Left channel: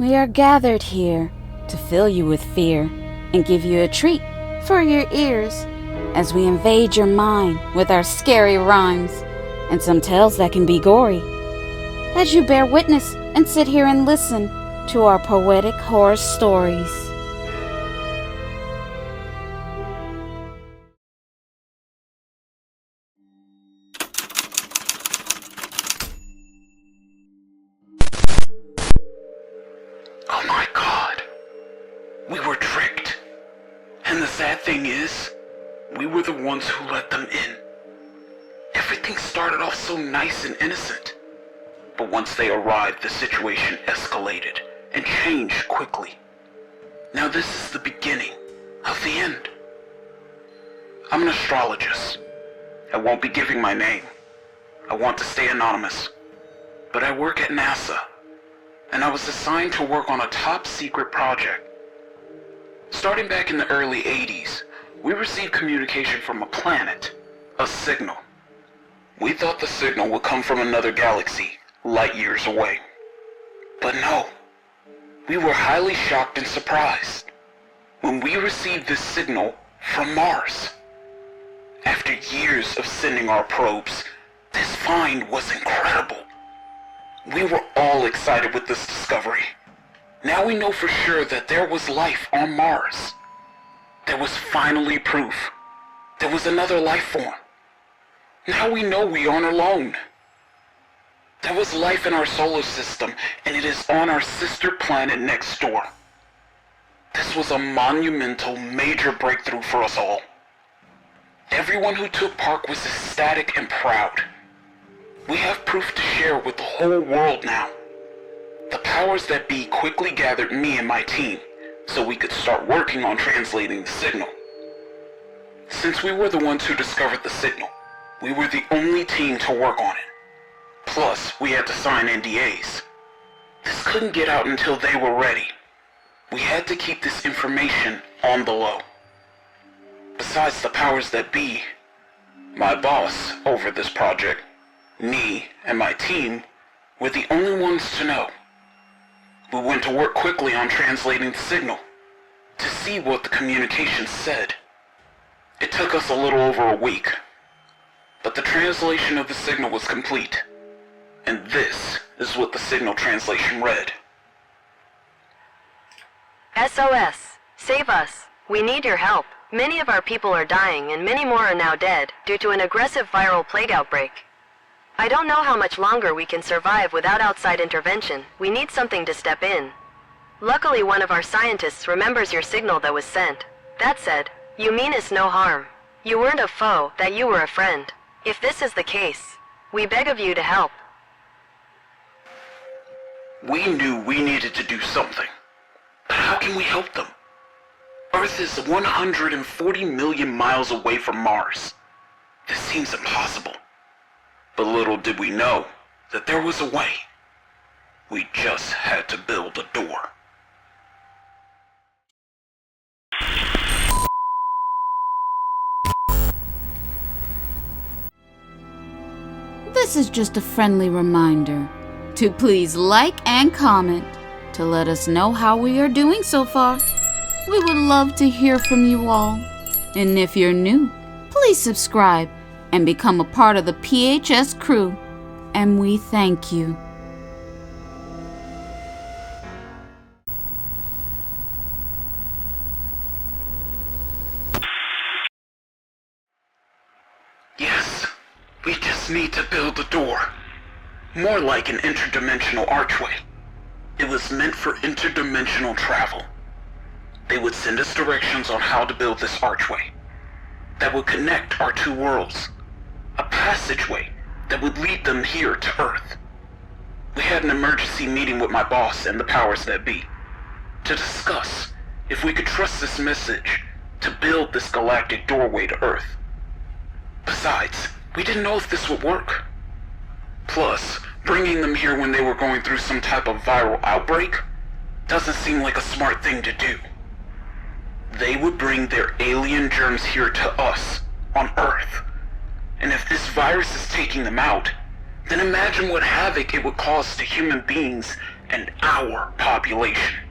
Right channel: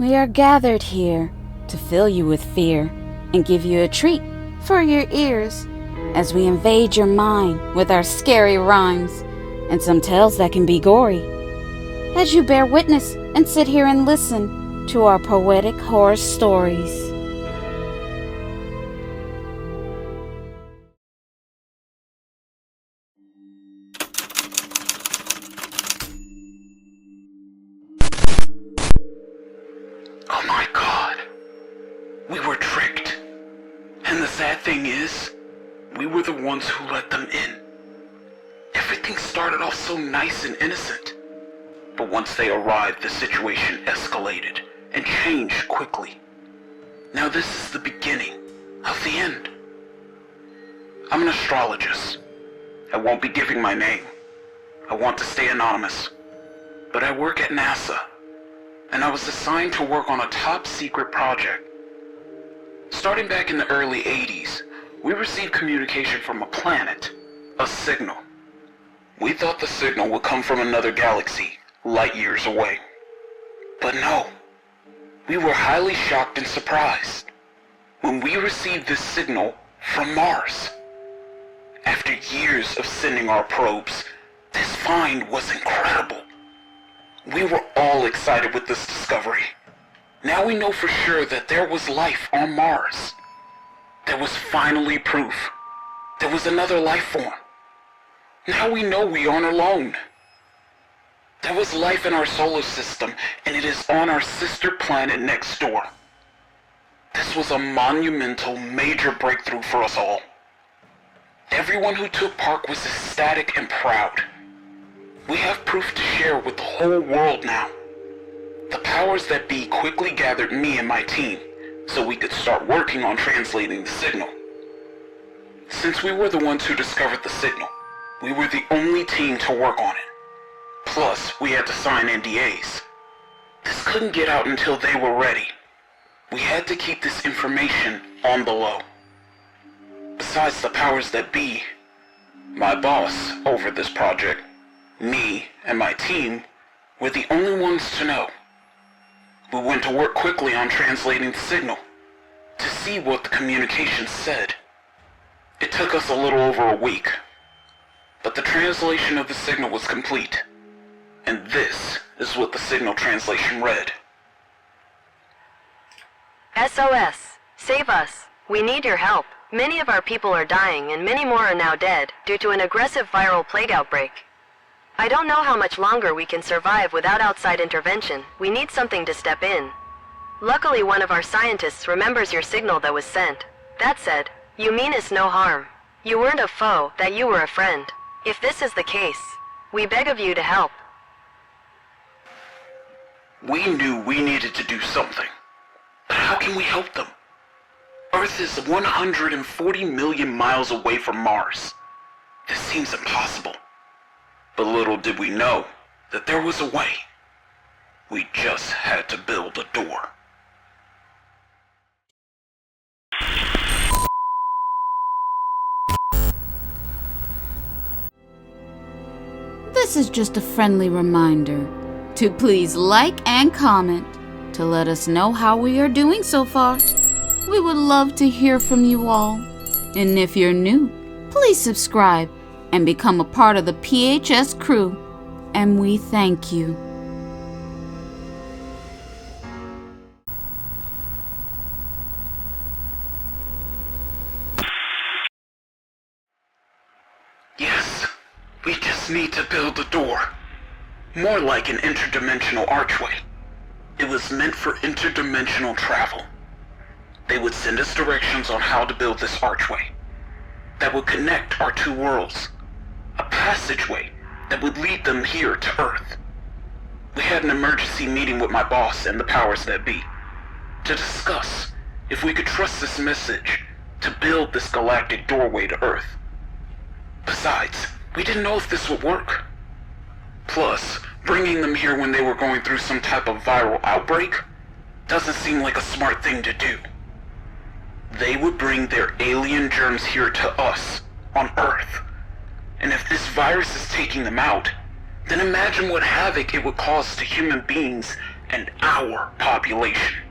We are gathered here to fill you with fear and give you a treat for your ears as we invade your mind with our scary rhymes and some tales that can be gory. As you bear witness and sit here and listen to our poetic horror stories. Oh my God, we were tricked. And the sad thing is, we were the ones who let them in. Everything started off so nice and innocent. But once they arrived, the situation escalated and changed quickly. Now this is the beginning of the end. I'm an astrologist. I won't be giving my name. I want to stay anonymous. But I work at NASA, and I was assigned to work on a top secret project. Starting back in the early 80s, we received communication from a planet, a signal. We thought the signal would come from another galaxy, light years away. But no, we were highly shocked and surprised when we received this signal from Mars. After years of sending our probes, this find was incredible. We were all excited with this discovery. Now we know for sure that there was life on Mars. There was finally proof. There was another life form. Now we know we aren't alone. There was life in our solar system, and it is on our sister planet next door. This was a monumental, major breakthrough for us all. Everyone who took part was ecstatic and proud. We have proof to share with the whole world now. The powers that be quickly gathered me and my team so we could start working on translating the signal. Since we were the ones who discovered the signal, we were the only team to work on it. Plus, we had to sign NDAs. This couldn't get out until they were ready. We had to keep this information on below. Besides the powers that be, my boss over this project, me and my team, were the only ones to know. We went to work quickly on translating the signal to see what the communication said. It took us a little over a week, but the translation of the signal was complete. And this is what the signal translation read. SOS. Save us. We need your help. Many of our people are dying and many more are now dead due to an aggressive viral plague outbreak. I don't know how much longer we can survive without outside intervention. We need something to step in. Luckily, one of our scientists remembers your signal that was sent. That said, you mean us no harm. You weren't a foe, that you were a friend. If this is the case, we beg of you to help. We knew we needed to do something. But how can we help them? Earth is 140 million miles away from Mars. This seems impossible. But little did we know that there was a way. We just had to build a door. This is just a friendly reminder to please like and comment to let us know how we are doing so far. We would love to hear from you all. And if you're new, please subscribe and become a part of the PHS crew. And we thank you. Yes, we just need to build a door. More like an interdimensional archway. It was meant for interdimensional travel. They would send us directions on how to build this archway that would connect our two worlds. A passageway that would lead them here to Earth. We had an emergency meeting with my boss and the powers that be to discuss if we could trust this message to build this galactic doorway to Earth. Besides, we didn't know if this would work. Plus, bringing them here when they were going through some type of viral outbreak doesn't seem like a smart thing to do. They would bring their alien germs here to us, on Earth. And if this virus is taking them out, then imagine what havoc it would cause to human beings and our population.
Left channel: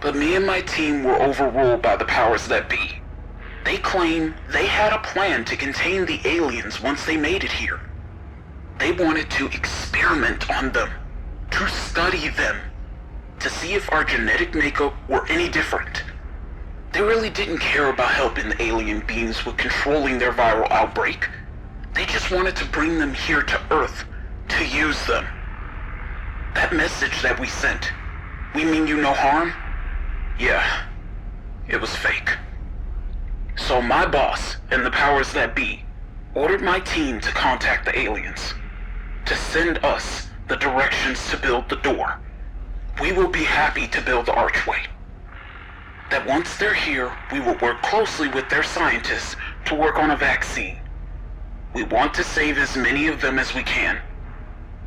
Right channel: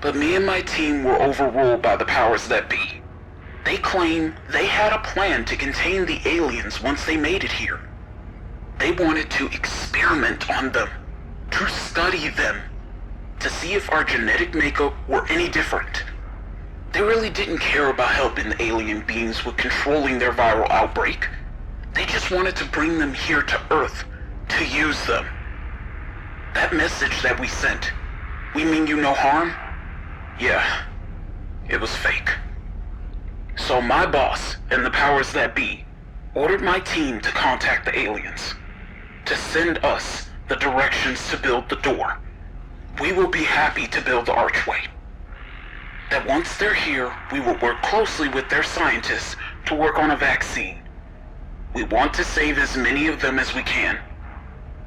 But me and my team were overruled by the powers that be. They claim they had a plan to contain the aliens once they made it here. They wanted to experiment on them, to study them, to see if our genetic makeup were any different. They really didn't care about helping the alien beings with controlling their viral outbreak. They just wanted to bring them here to Earth, to use them. That message that we sent, "We mean you no harm," yeah, it was fake. So my boss and the powers that be ordered my team to contact the aliens, to send us the directions to build the door. We will be happy to build the archway. That once they're here, we will work closely with their scientists to work on a vaccine. We want to save as many of them as we can.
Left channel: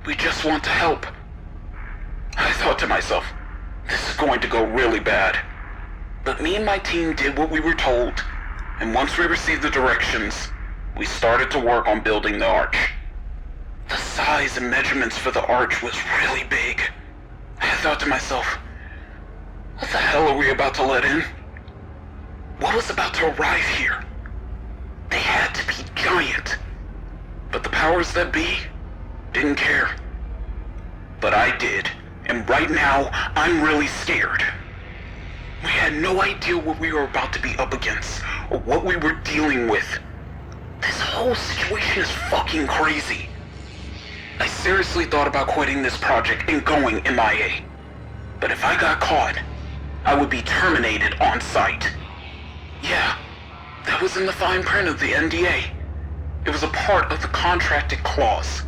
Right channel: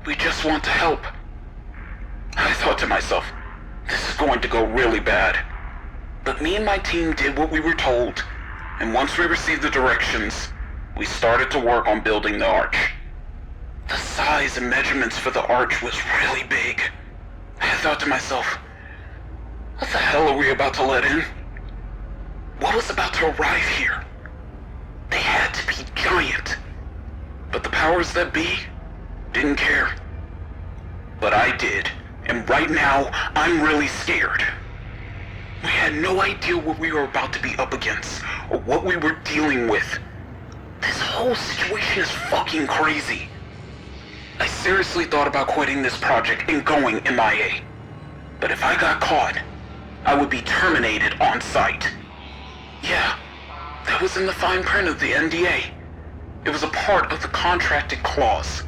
We just want to help. I thought to myself, this is going to go really bad. But me and my team did what we were told, and once we received the directions, we started to work on building the arch. The size and measurements for the arch was really big. I thought to myself, what the hell are we about to let in? What was about to arrive here? They had to be giant. But the powers that be didn't care. But I did, and right now, I'm really scared. We had no idea what we were about to be up against, or what we were dealing with. This whole situation is fucking crazy. I seriously thought about quitting this project and going MIA. But if I got caught, I would be terminated on sight. Yeah, that was in the fine print of the NDA. It was a part of the contracted clause.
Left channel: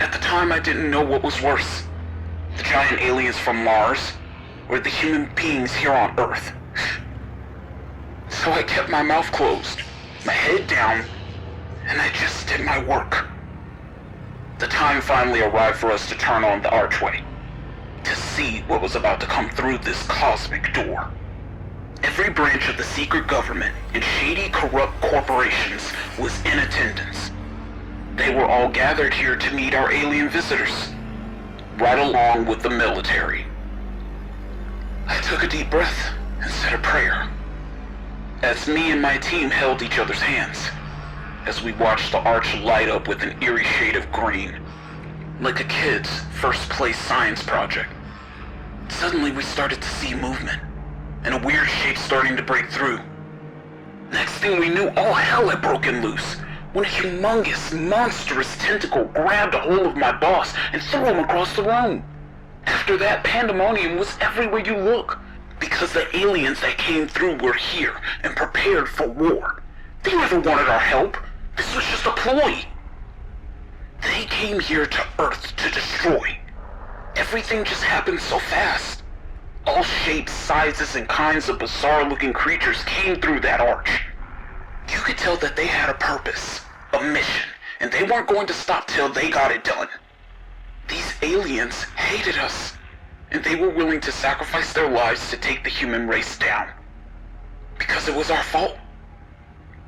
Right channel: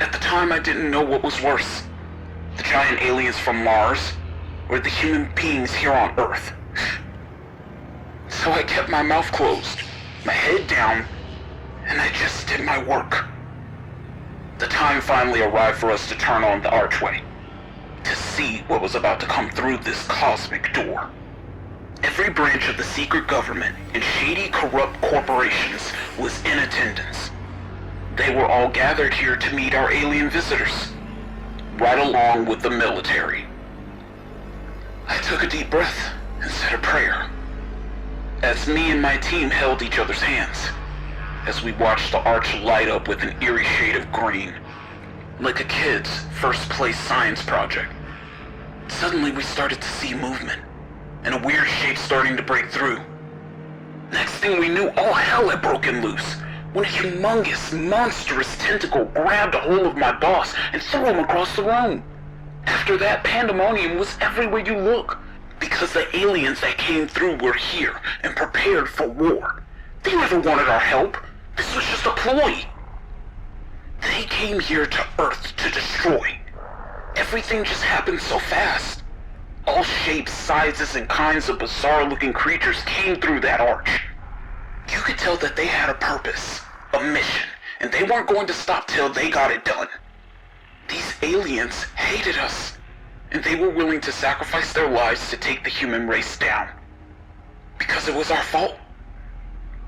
At the time, I didn't know what was worse, the giant aliens from Mars, or the human beings here on Earth. So I kept my mouth closed, my head down, and I just did my work. The time finally arrived for us to turn on the archway, to see what was about to come through this cosmic door. Every branch of the secret government and shady, corrupt corporations was in attendance. They were all gathered here to meet our alien visitors, brought along with the military. I took a deep breath and said a prayer, as me and my team held each other's hands, as we watched the arch light up with an eerie shade of green, like a kid's first place science project. Suddenly we started to see movement, and a weird shape starting to break through. Next thing we knew, all hell had broken loose, when a humongous, monstrous tentacle grabbed a hold of my boss and threw him across the room. After that, pandemonium was everywhere you look, because the aliens that came through were here and prepared for war. They never wanted our help. This was just a ploy. They came here to Earth to destroy. Everything just happened so fast. All shapes, sizes, and kinds of bizarre-looking creatures came through that arch. You could tell that they had a purpose, a mission, and they weren't going to stop till they got it done. These aliens hated us, and they were willing to sacrifice their lives to take the human race down. Because it was our fault.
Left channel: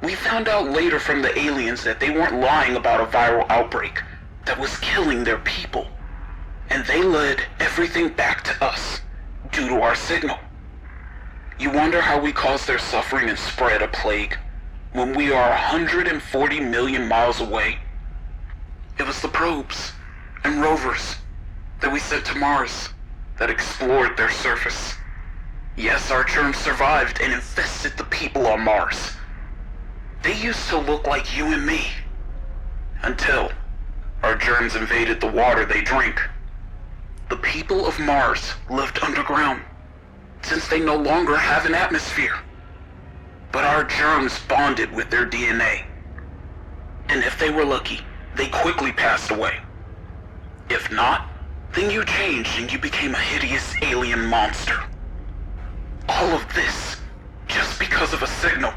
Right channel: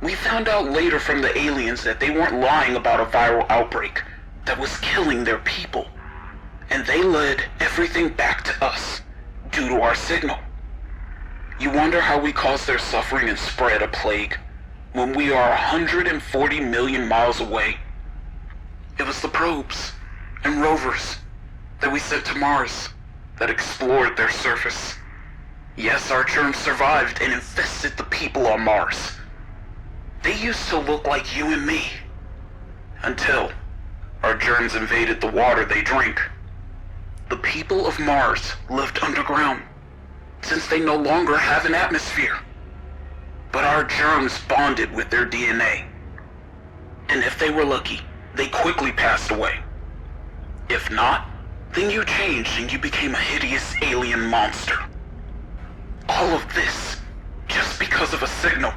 We found out later from the aliens that they weren't lying about a viral outbreak that was killing their people, and they led everything back to us due to our signal. You wonder how we caused their suffering and spread a plague when we are 140 million miles away? It was the probes and rovers that we sent to Mars that explored their surface. Yes, our germs survived and infested the people on Mars. They used to look like you and me, until our germs invaded the water they drink. The people of Mars lived underground, since they no longer have an atmosphere. But our germs bonded with their DNA. And if they were lucky, they quickly passed away. If not, then you changed and you became a hideous alien monster. All of this, just because of a signal.